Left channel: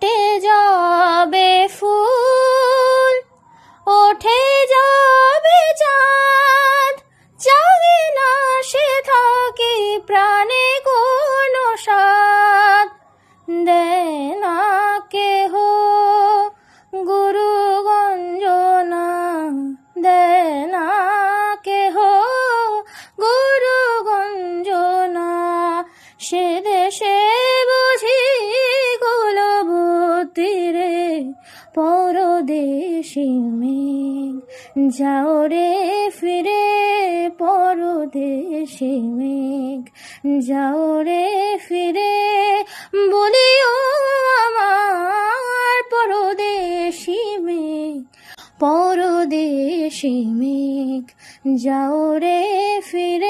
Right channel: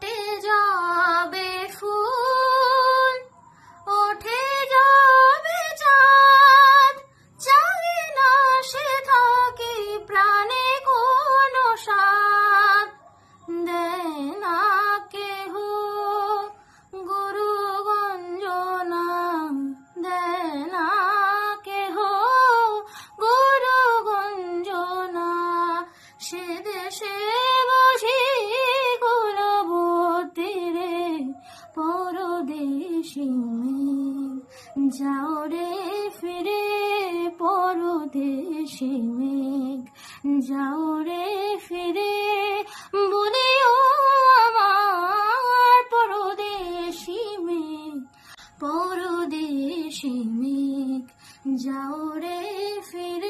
ফুটে যাবে ফুল, ওঠে যাবে চাঁদ, জাগে না সে থাকে প্রাণে কোনো স্বাদ। দেয় না কেহ গুরু গঞ্জনা, দেয় না কেহ গুরু গঞ্জনা। সে দেশে বুঝি কুলবতী রে পরদেশি মেঘ, যাও রে ফিরে পরদেশি মেঘ, যাও রে ফিরে বলিও আমার পরদেশি মেঘ, পরদেশি মেঘ, যাও রে ফিরে।